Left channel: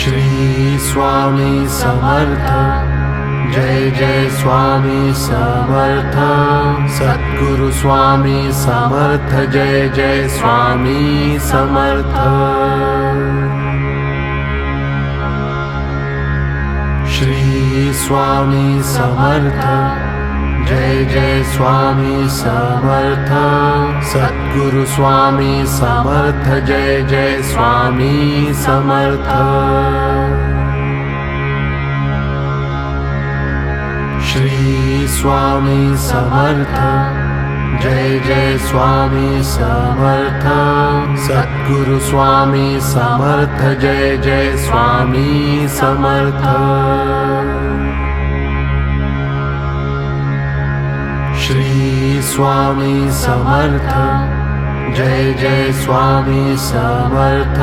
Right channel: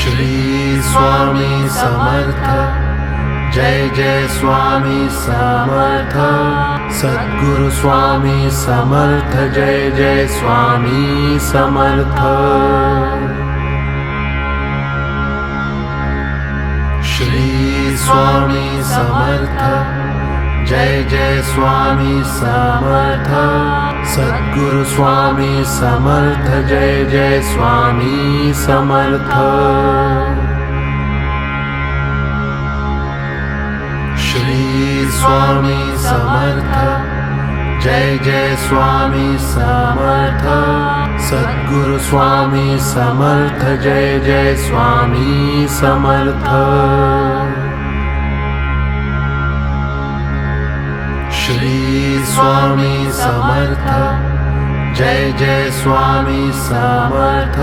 Shri Swami Samarth. Jai Jai Swami Samarth. Sadguru Swami Samarth. Jai Jai Swami Samarth. Shri Swami Samarth. Jai Jai Swami Samarth. Sadguru Swami Samarth. Jai Jai Swami Samarth. Shri Swami Samarth. Jai Jai Swami Samarth. Sadguru Swami Samarth. Jai Jai Swami Samarth. Shri Swami Samarth. Jai Jai Swami Samarth.